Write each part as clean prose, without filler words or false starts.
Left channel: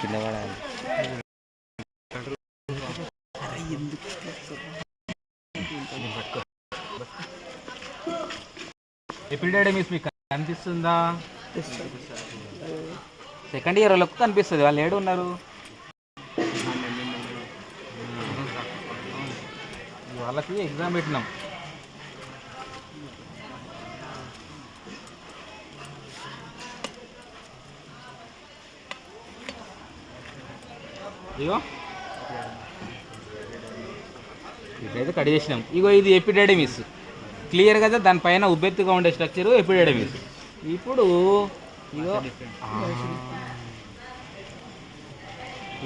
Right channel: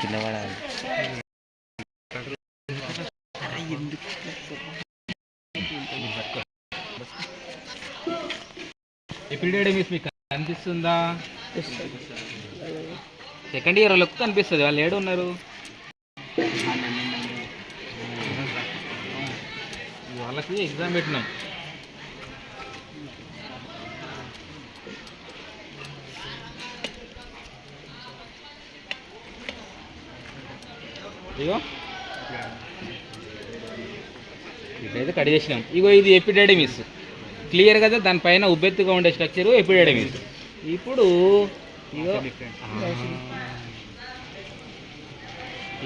కింద పడాలి. ఎపిడెమిస్ మీకు కనిపిస్తుందా? సెకండ్ ఇయర్ వాళ్ళకు కనిపిస్తుంది. వాళ్ళు ఏడు ఉన్నారు? వాళ్ళకి ఎగ్జామ్ పెట్టినాం. ఇగో ఇక్కడైతే కట్ చేసినాం. ఇగో ఇది ఎపిడెమిస్ క్లియర్ కదా, దానిపైన ఉబ్బెత్తుగా ఉండే స్ట్రక్చరు ఎపిడెమిస్. ఇప్పుడు ఇగో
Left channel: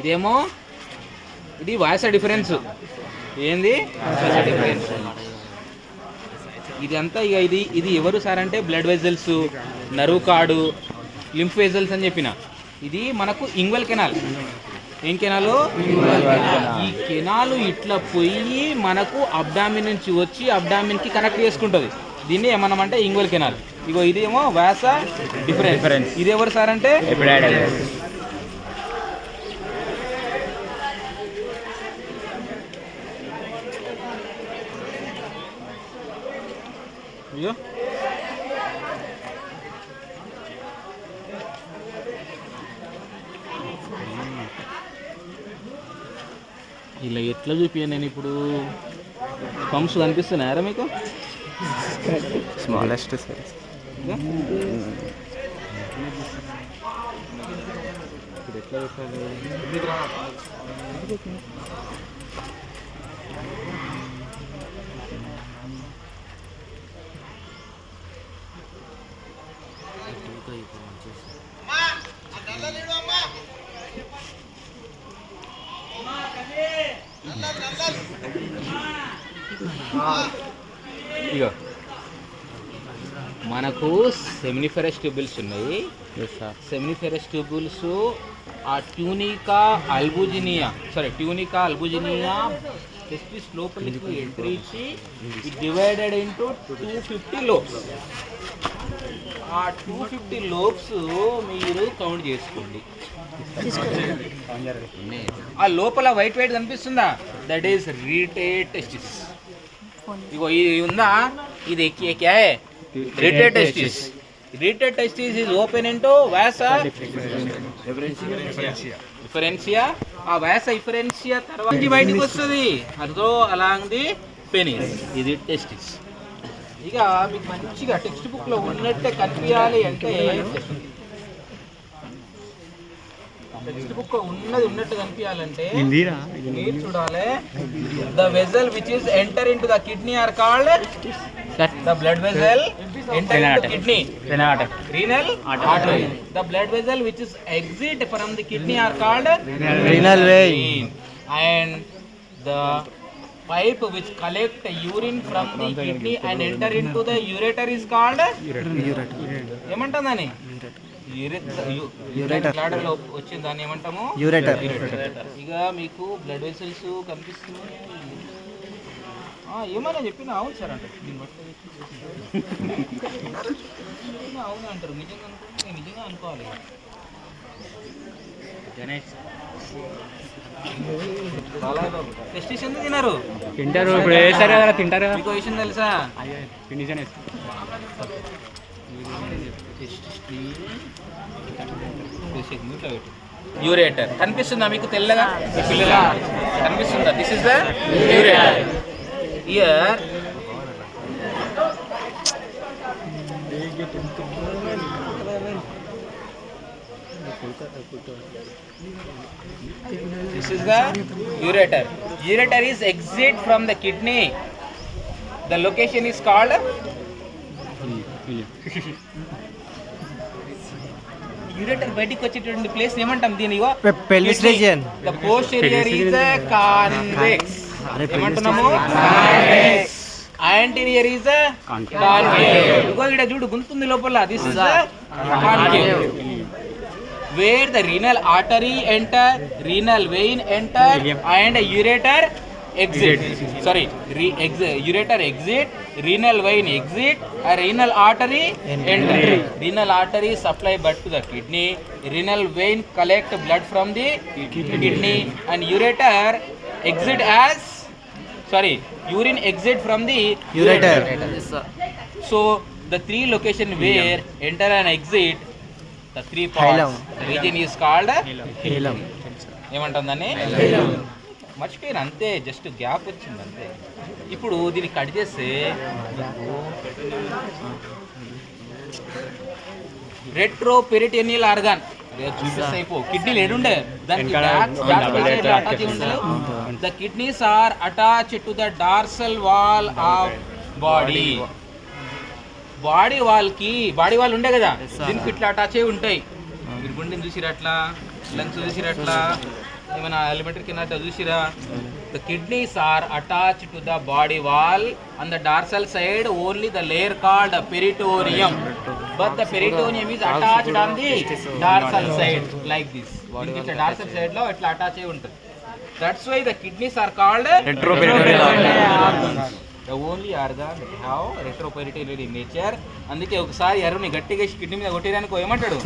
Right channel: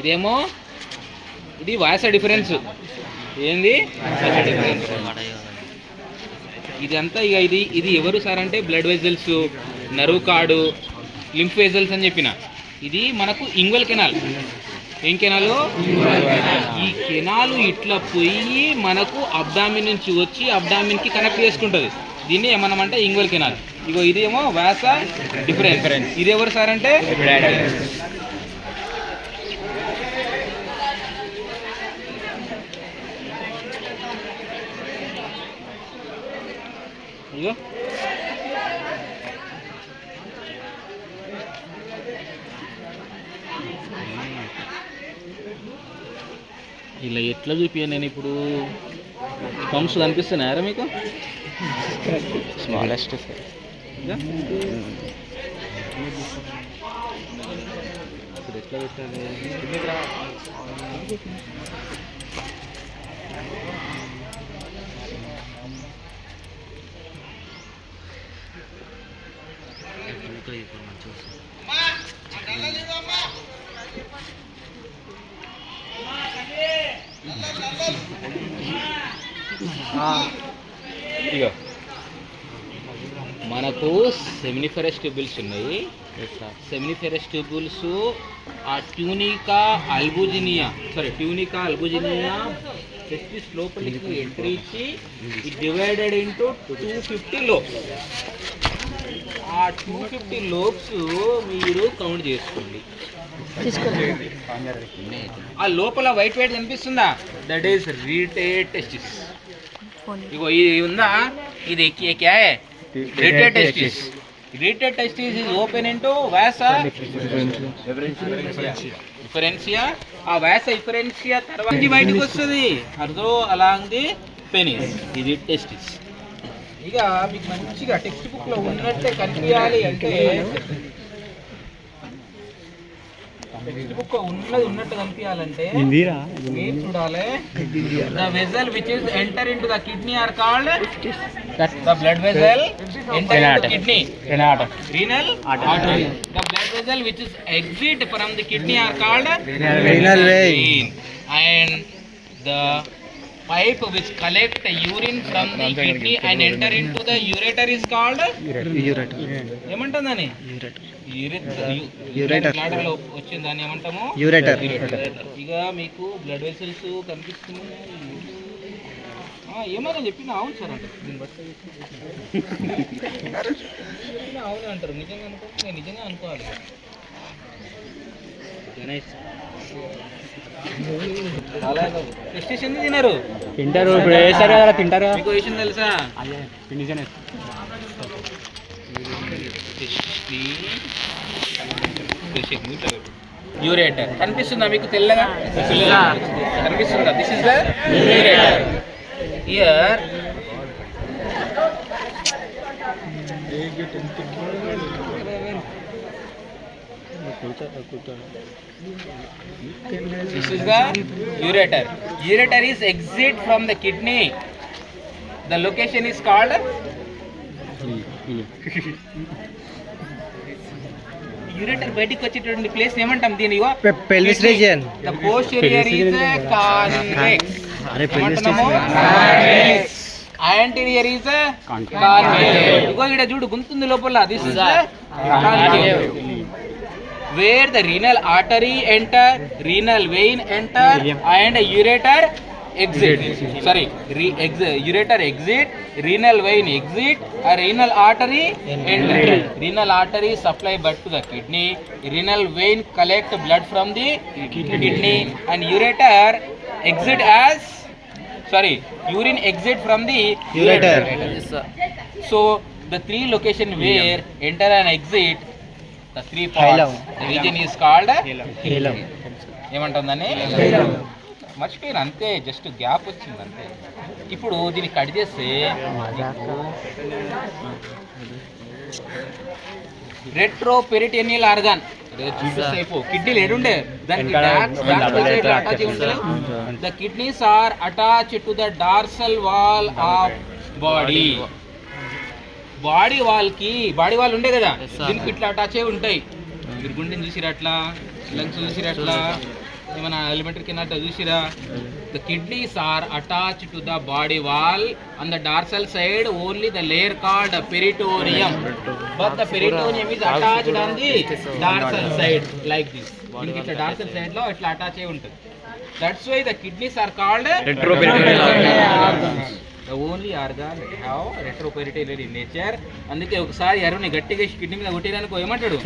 ఇదేమో ఇది వాయిస్ డిఫరెన్స్. ఏంది డిఫరెన్స్? ఇది అంతా ఇక ఇది ఎవరు సార్ అంటే blood vessels, nerve card, lymph vessels అని చెప్పిన. ఇది మనకు ఇంగ్వల్ కెనాల్. ఏం కెనాలు? ఈ కెనాలు ఇట్లా పోయి మనకు అబ్డామిన్ నుంచి వచ్చి అబ్డామిన్కి కనెక్ట్ చేసుకుంటుంది. దీన్ని ఏమన్నామంటే ఇంగ్వల్ కెనాల్. ఇగో ఇదేమో వాస డిఫరెన్స్. ఇది ఎవరు సార్ అంటే అయ్యో ఇలా ఎట్లా చూపియా నేను ఇప్పుడు? పంప్స్ కనిపిస్తున్నాయారా మీకు? Smallest size. ఇప్పుడు ఎట్లా పెట్టాలి? ఇగో మనకు సెమినిఫెరస్ ట్యూబుల్స్ ఉన్నాయి. సెమినిఫెరస్ ట్యూబుల్స్ ఆ ట్యూనికా అల్బుజినియా టెస్టిస్ లోపలికి ఎంట్రీ ఇచ్చి ఇట్ డివైడెడ్ ఇంటూ 250 లోబ్స్. ఆ 250 లోబ్స్ మీరు కౌంట్ చేసుకోండి. ఆ లోపల వైట్ కనిపిస్తుందా? That is rete testis. ఇగో ఇది ఉందా, ఇది క్యా హై? Rete testis. Rete testis is open into vasa deferentia. ఆ వాసా డిఫరెన్షియా తర్వాత బయటకు వస్తుంది అదో అలాంగ్ ది పెనిస్. ఇది టెస్టిస్. ఇక మీకు మంచిగా టెక్స్ట్ బుక్ లో ఉన్నట్టే కనిపించాలి అంటే టెక్స్ట్ బుక్ ఉన్నట్టు కనిపించాలంటే మీరు చూడాలి. The vessel which is enter into the kidney are called the blood vessel enter into kidney renal artery. The blood vessel which is exit from the kidney are called renal vein. And the pipe which collect urine from the kidney and enter into the ureter is called ఏమంటుందని? Bladder లో వచ్చిన దాన్ని ఏమంటాము? Ureter. ఇక మీకు blood vessels కనిపిస్తున్నాయి. ఏమని చెప్పిన అవును సార్ అంటే అవును అంటారు. నిజంగా అనుకోండి, నేను నిజంగా అనుకోవాలి. టెస్టిస్ ఎందుకు తినరు? తింటారు. ఇప్పుడు వేసారు కదా, తింటారు. మీకు విషయం తెలుసా? యూరేటర్ కనిపిస్తుందా మీకు? తెల్లగా కనిపిస్తుందా? This is the ureter. Here this is the ureter. Ureter is exit from the kidney. The location is called ureter. బయటికి వచ్చేటువంటి ప్లేస్ ఏమంటాం? దీని pelvis region. The posterior is convex. Convex. Anterior is concave. Because ఇక్కడ చూడు గుంతుంది లోపల. This is the concave. Where the renal artery enter, renal vein enter and ureter exit. Sorry, ureter exit, renal vein exit, a renal artery entry. Renal artery supply blood to the kidney, renal vein collect blood from the kidney, and ureter exit as, sorry, urine exit from the Ureter. So the three location where enter and exit, the three Hilum. parts, the region is called హేలం. ఏమంటుందని మర్చిపోయాను అంతే, just gap వచ్చింది అంతే. ఇప్పుడు దీన్ని cut చేస్తే retro peritoneal organ కిడ్నీలు ఏడుండే దానికి the kidneys are attach to the dorsal wall of body. Body wall ఉండే కదా, దీనికి ఇట్లా అటాచ్ అయి ఉంటాయి. మీరు గుండెని చూసిరా అట్లా, లంగ్స్ చూసిరా అట్లా, ఏమైనా ఎలిమెంటరీ కింద చూసిరా. The kidneys are attach to the body wall on the dorsal side only the layer called peritoneum, but the peritoneum is attached on the dorsal side like this. దీనికి ఇట్లా డార్సల్ సైడ్ లో ఇట్లా attach అయి ఉంటుంది. That's why the kidneys are called the only organ that have retroperitoneal in nature. అందుకే ఒకసారి ఎవరిని గట్టిగా కిడ్నీ మీద కొట్టేదానికి ఏమంటాడు,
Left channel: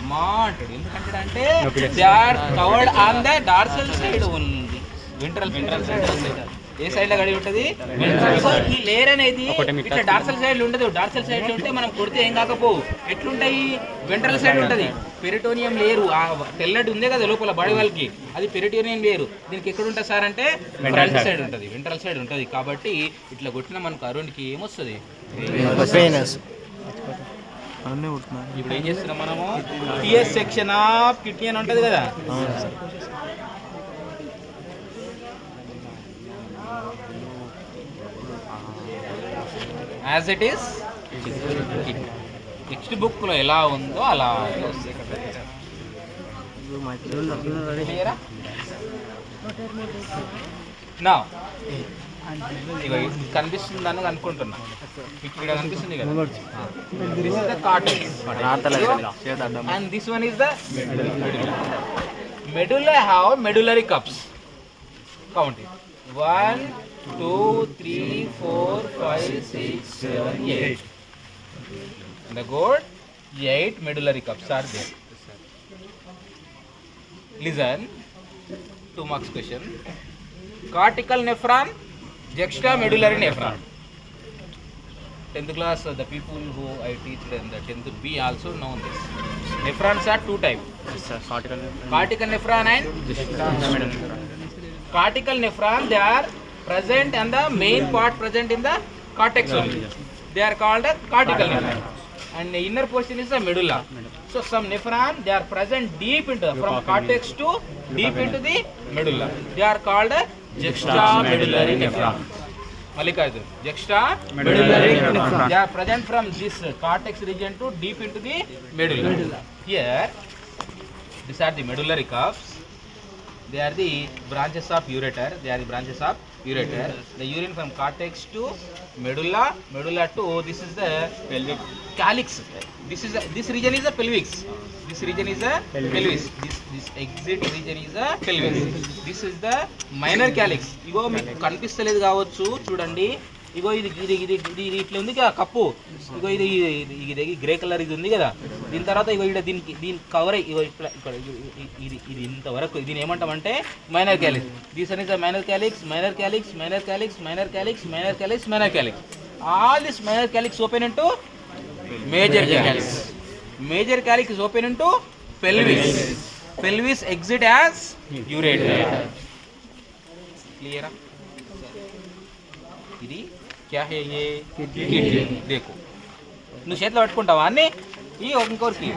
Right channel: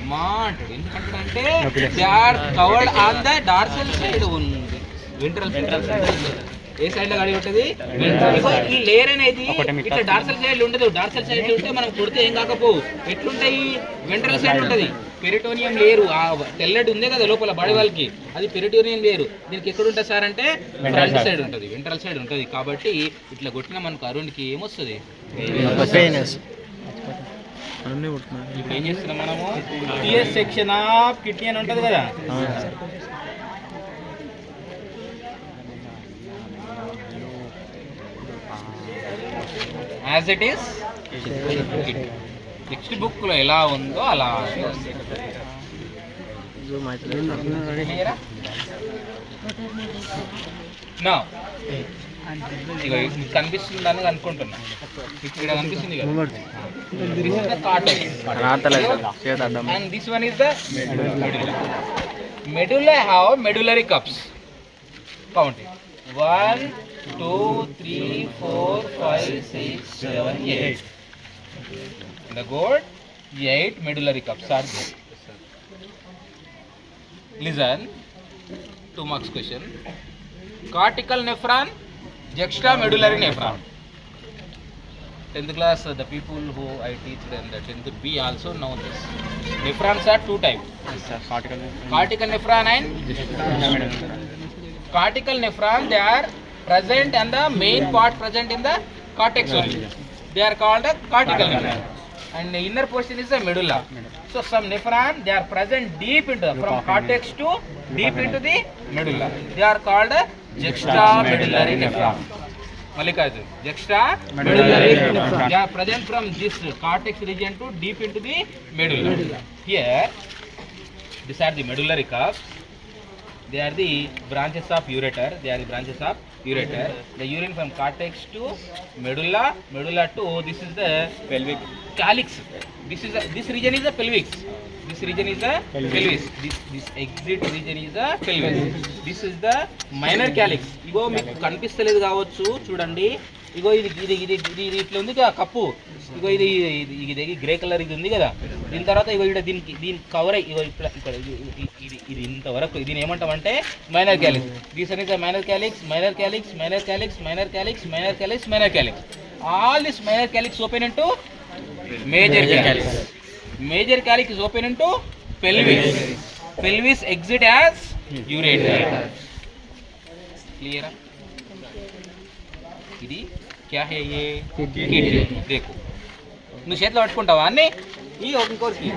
అమ్మా అంటాడు. ఎందుకంటే they are covered on the dorsal side only. Ventral side ఏ సైడ్ లో గడి ఉంటుంది, ఈ లేయర్ అనేది ఇట్లా డార్సల్ సైడ్ ఉండదు. డార్సల్ సైడ్ ఉంటే మనం కొడితే ఏం కాకపోవు. ఎట్లుంటాయి, వెంట్రల్ సైడ్ ఉంటుంది. పెరిటోనియం లేరు, ఆ తెల్లటి ఉంది కదా లోపల బాడీ వాళ్ళకి, అది పెరిటోనియం లేరు. దీనికి ఎక్కడ ఉంటుంది సార్ అంటే ఫ్రంట్ సైడ్ ఉంటుంది, వెంట్రల్ సైడ్ ఉంటుంది. కాబట్టి ఇట్లా కొట్టిన మనకు అరుణ్కి ఏమొస్తుంది, ఇప్పుడు ఏం చేస్తున్నాం మనము, టిఎస్ సెక్షన్ ఆఫ్ కిడ్నీ అని ఉంటుంది కదా. As it is text book లో ఎలా ఉందో అలా నా కనిపిస్తుందని అనుకుంటున్నా. ఇక్కడ కనిపిస్తుంది కదా, and this one is the medulla have medullary cups. Count it. 1 2 3 4 5 6 7 8. In the gourd 8 medullary cups are there. Listen, 2 marks question. Cortical nephron, juxtamedullary nephron. 10th class, the people who I teach them, the 10th B also know this. Nephrons are 2 types. Yes sir, Cortical nephron and cortical nephron, they are present and the main part present in the cortex only. They are called a cortical nephron. And the inner portion is the medulla. So some nephron, they are present deep into the, from cortex to deep into the medulla. They are called a juxtamedullary nephron. Mallikarjun, juxtamedullary nephron. They are present from this cortex region to deep into the medulla. Here, these are the medullary cups. They are the branches of ureter. The urine from cortex to medulla to, this is the pelvic calyx. This region is the pelvis. This exit region is the pelvis. This is the minor calyx. ఇగో మీకు కనిపిస్తలేదు కావచ్చు, చూడండి. ఇగో ఇది ఇట్లా ఉంది కదా cup. ఇగో ఇది grey colour ఇది ఉంది కదా. దీని తర్వాత ఇగో ఇక్కడ దీని కవర్ ఇగో ఇక్కడ ఇది ఇంతవరకు దీని ఏమంటామంటే minor calyx. This is the minor calyx. All this minor calyx open into major calyx. Major calyx is open into pelvis. Pelvis exit as ureter. Clear? ఇది क्या है ये? किडनी. देखो, నువ్వు చేతిలో పట్టుకుంటావా అన్నీ? ఈ ఇంకోరికి